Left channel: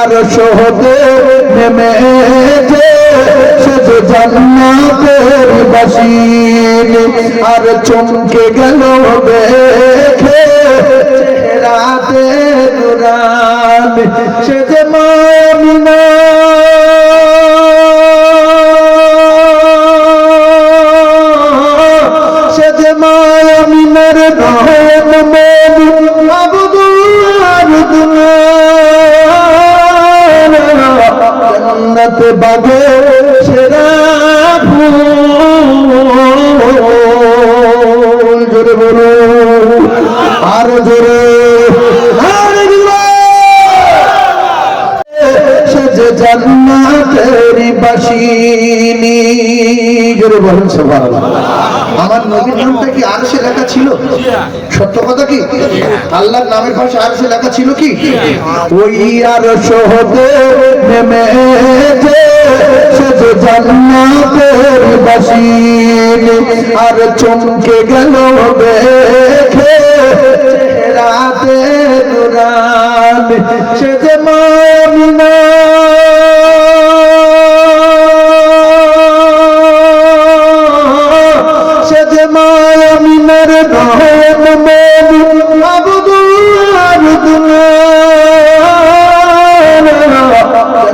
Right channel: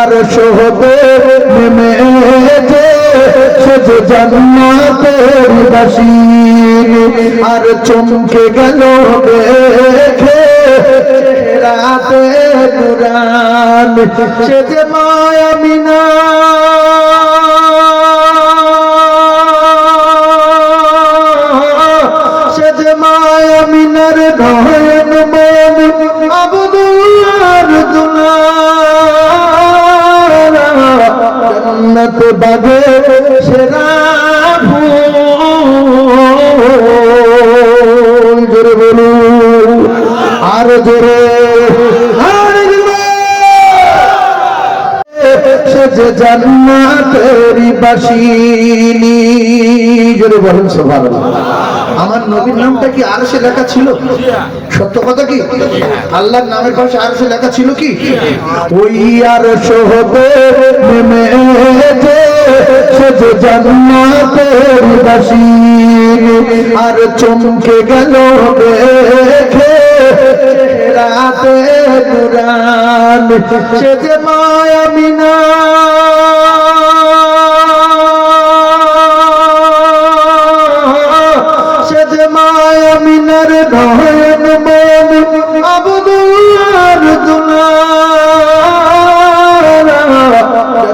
আর শহদে নেমেছে সে যে জান্নাতের বাসিনী আর চমকে গেল দেখে চেহারাতে নূরান সে যে মা আমিনা সে যে মা আমিনার নয়ন মনি আবদুর দুলার জান্নাত বাগে সেরা ফুল জোরে বলো আর জোরে সে যে জান্নাতের বাসিনী জোরে বলুন সুবহানাল্লাহ। আমার নবীর নামটা কি আরশে লেখা ছিল? সত্য কথা কি? আল্লাহর নামের পাশে আরশে লেখা ছিল কি? ওই আরশ হতে নেমেছে সে যে জান্নাতের বাসিনী আর চমকে গেল দেখে চেহারাতে নূরান সে যে মা আমিনা সে যে মা আমিনার নয়ন মনি আবদুর দুলার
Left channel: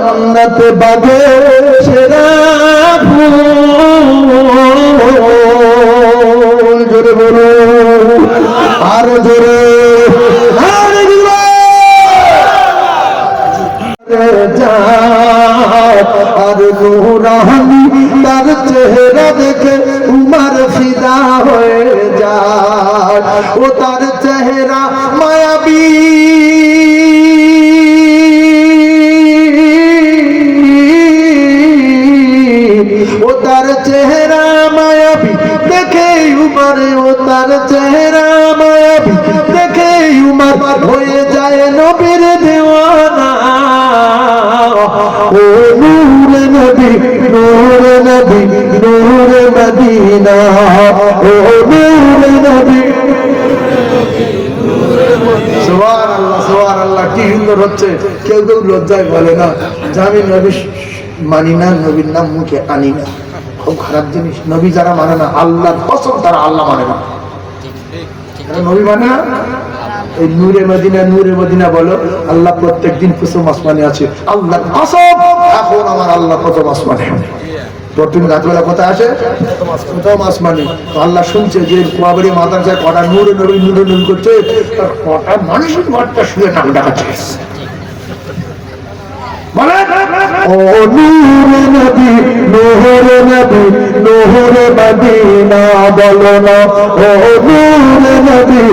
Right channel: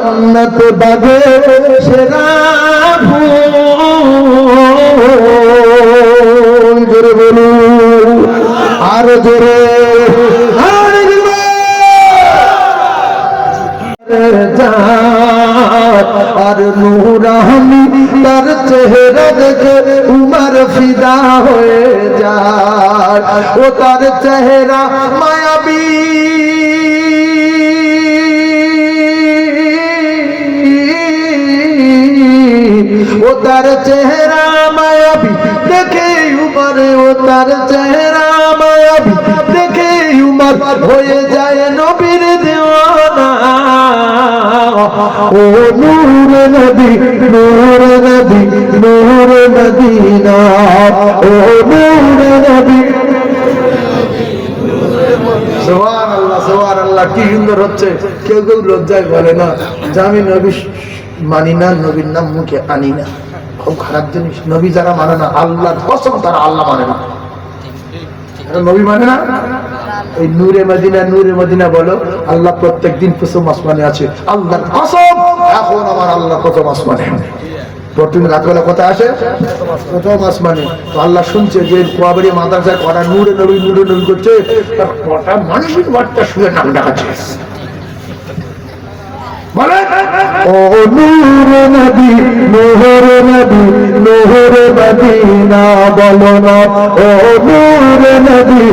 জান্নাত বাগে সেরা ফুল জোরে বলো আর জোরে আর নূরানি তার চেহারা দেখে উমর ফিদা হয়ে যায় ও তার চেহারা মায়াবী ও তার চেহারা মায়াবী দেখে উমর ও তার চেহারা মায়াবী দেখে উমর হয়ে যায় নবীর দেওয়ানা ও নূরে নবী নূরে নবী নূরে মদিনা ও নূরে নবী সুবহানাল্লাহ সুবহানাল্লাহ কি সুন্দর হচ্ছে কেউ কেউ লজ্জায় বলে না যে আমি নবী মানি না নবীর নাম মুখে আনি না খুব খারাপ জিনিস নবী যারা মানে না আল্লাহর কসম তারা আল্লাহ মানে না নবী মানে না এই নূরে মদিনা বলো আল্লাহ প্রত্যেকদিন কুসুম আসমানে আছে আল্লাহর কসম এখন আমার আল্লাহ প্রথম আসমানে প্রতিদিন রাতবেলা কোথায় আসে প্রথম আসমানে আল্লাহ শুনছে যে কোয়াবাড়ি মাদ্রাসায় কটা নূরে নবী করছে তার কটা মানুষের ঘরটা শুনে ঠাকুর ডাকাচ্ছে ও নূরে নবী নূরে মদিনা বলো না ও নূরে নবী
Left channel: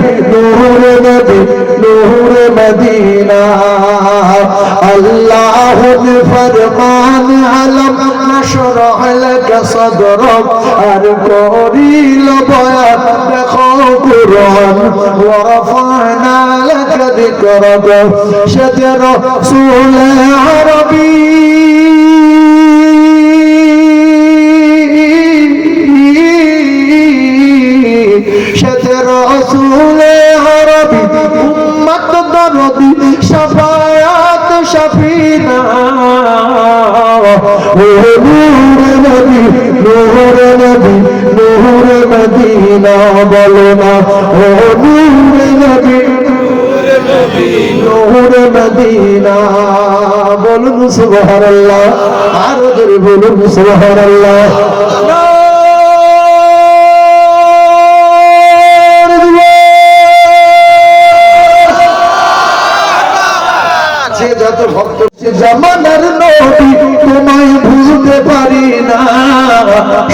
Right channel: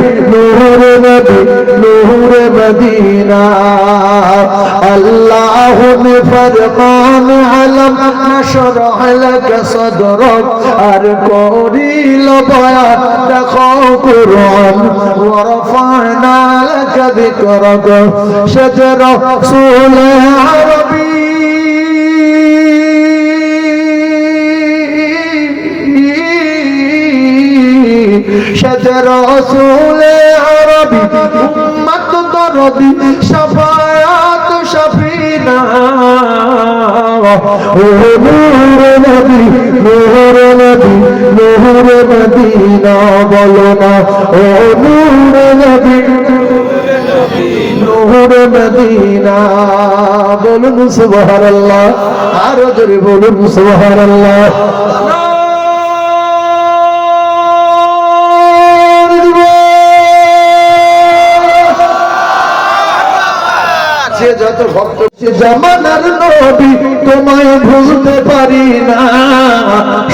নূরে মদিনা আল্লাহ নে ফরমান আলম নশরহ লাকা সদরক আর করিল বয়ান দেখো কুরআন ওয়া রাফা'না লাকা যিকরাক সে রাসূল আরবী সে রাসূল আরবী উম্মত দরদি শাফায়াত শাফিনা ও নূরে নবী নূরে মদিনা বলো না ও নূরে নবী নূরে মদিনা বলুন সুবহানাল্লাহ আর জোরে বলুন সুবহানাল্লাহ সে যত ভক্ত সে জামানার নবী তোমায় ভুলতে পারি না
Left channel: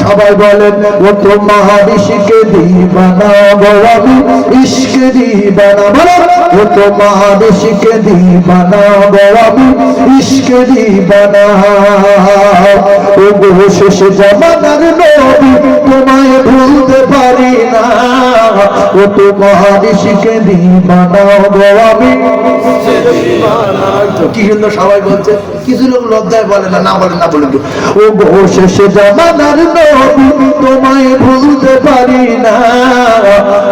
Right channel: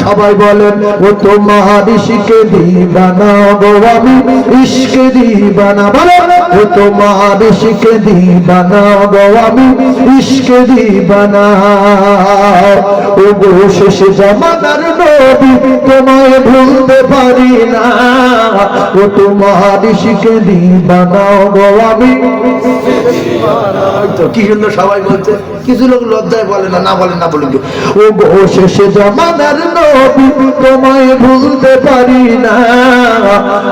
সবাই বলেন ও তো মহারিশিকে দিবানা গো আমি ইশকে দিবানা ও তো মহারিশিকে দিবানা গো আমি ইশকে দিবানা ও গো শেষ জামানার নবী তোমায় ভুলতে পারি না ও তো মহারিশিকে দিবানা গো আমি ইশকে দিবানা হয়তো কি সুন্দর সবাই বলছে, কিছু লোক লজ্জায় বলে না, না বলে না বলে কি ও গো শেষে জামানার নবী তোমায় ভুলতে পারি না,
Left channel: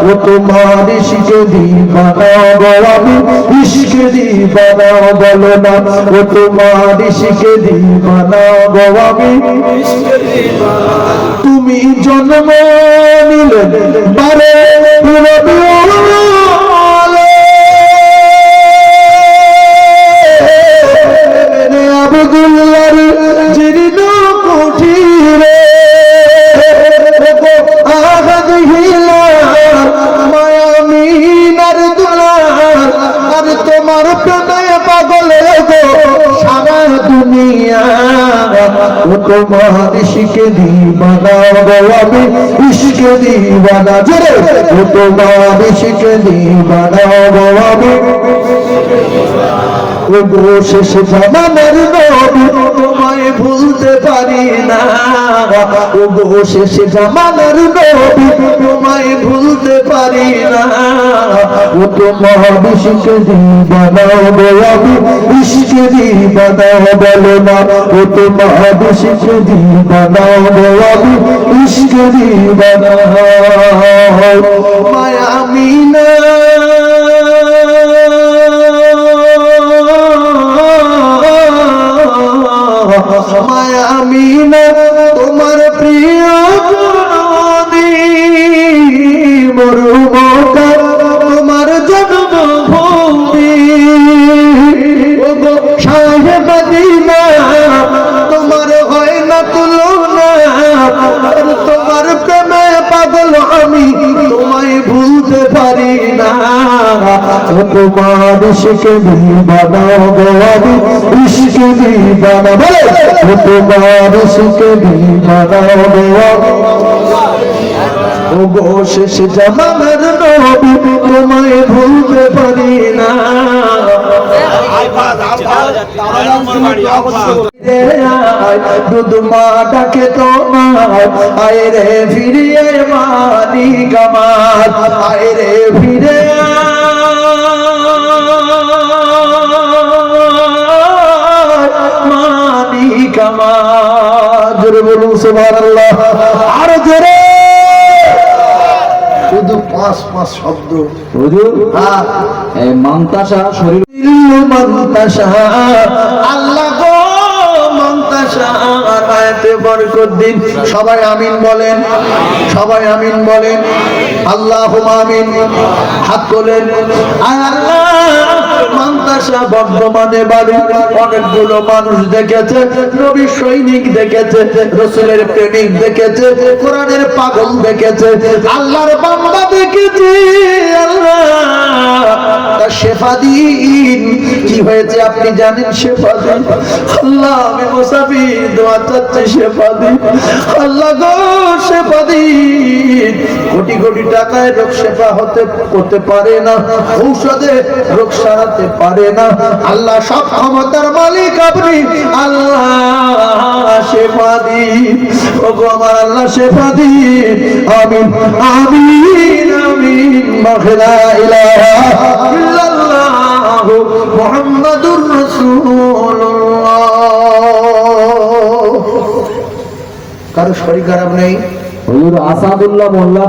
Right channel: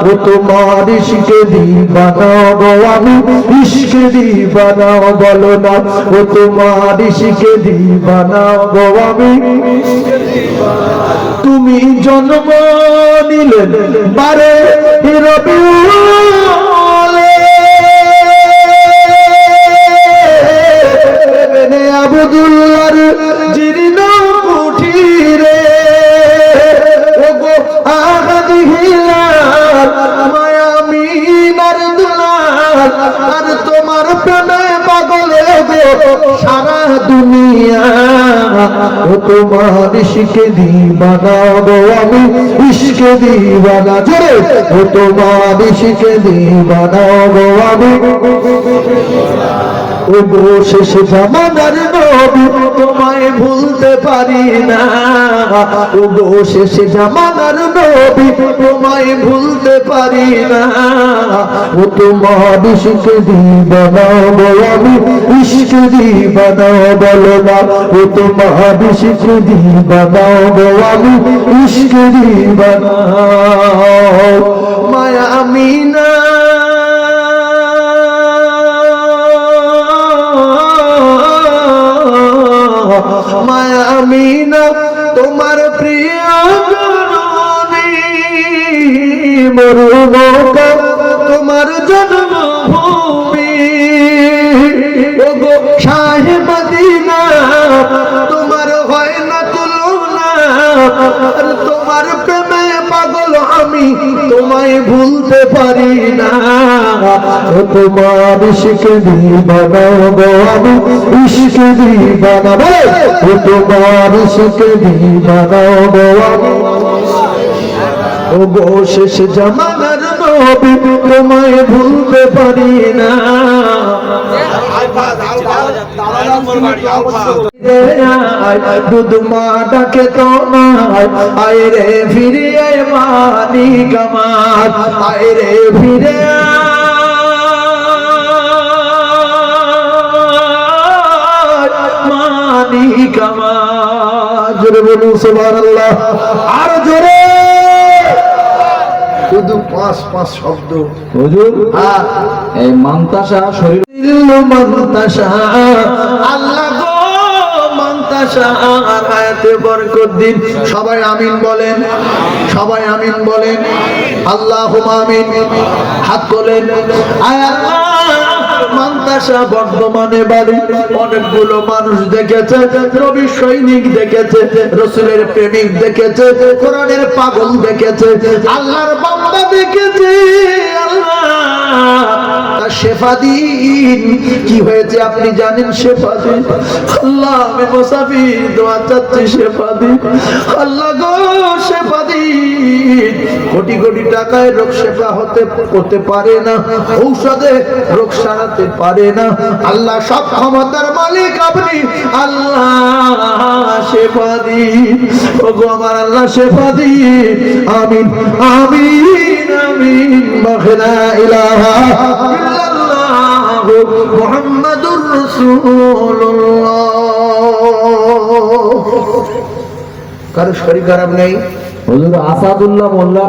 ও তোমার ইশকে দিবানা গো আমি ইশকে দিবানা বলো না, ও তোমার ইশকে দিবানা গো আমি ইশকে দিবানা। তুমি জন্ম নিলে বারে আবদুল্লাহর জীর্ণ কুঠিরে মায়ামিনার দুলার আর তোমার প্রেমে পাগল গো সারা দুনিয়া, ও তোমার ইশকে দিবানা গো আমি ইশকে দিবানা জোরে, ও তোমার ইশকে দিবানা গো আমি শেষ জামানার নবী তোমায় ভুলতে পারি না, ও শেষ জামানার নবী তোমায় ভুলতে পারি না, ও তোমার ইশকে দিবানা গো আমি ইশকে দিবানা বলো না, ও তোমার ইশকে দিবানা গো আমি ইশকে দিবানা। মায়া আমিনা মায়া আমিনা তোমার প্রিয় মরুমকা তোমার জন্মভূমি, শাহে মদিনা তোমার হয় না তুলনা, তোমার প্রেমে পাগল আমি তোমায় ভুলতে পারি না, তোমার ইশকে দিবানা গো আমি ইশকে দিবানা বলে, তোমার ইশকে দিবানা গো আমি ও গো শেষ জামানার নবী তোমায় ভুলতে পারি না। দুধ মা ডাকে তোমায় আয় রে ফিরে আয় মালিক আমার, আয় রে ফিরে মালিক আমার। জোরে বলুন সুবহানাল্লাহ, আর জোরে শুধু পাঁচ পাঁচ শব্দ হুজুর। হ্যাঁ এই মান্তাসা শরীর মান্তাসা আল্লাহ গো মান্তাসা আর আয়াতে বরকত দিন। সবাই আমিন বলেন, সবাই আমিন বলেন, আল্লাহুম্মা আমিন। হাত তোলেন। আল্লাহ মান্তাসা বর্ধমানে বাড়ি, অনেকগুলো মানুষ দেখেছে, নবী সৈনিক দেখেছে, রাসূলের প্রেমিক দেখেছে, কোরআনের পাগল দেখেছে, আল্লাহর বান্দা দেখেছে। আল্লাহ তার শেফা দিন। কি হয়েছে আপনি জানেন? শেফা দিন। আল্লাহ আমি মুসাফির, দোয়া চাচ্ছি, শেফা দিন। আল্লাহ গো শেফা দিন। কোটি কোটি টাকায় রোগ শেফা হতে পারে না, ঔষধে রোগ সারাতে পারে না। আল্লাহ সব ক্ষমতার মালিক আপনি, আল্লাহ শেফা দিন। ওগো আমার আল্লাহ শেফা দিন। আমিন আমিন আমিন। লা ইলাহা ইল্লাল্লাহ মুহাম্মাদুর রাসূলুল্লাহ। কারো শরীর খারাপ নেই? হুজুর আসাদুল্লাহ মোল্লা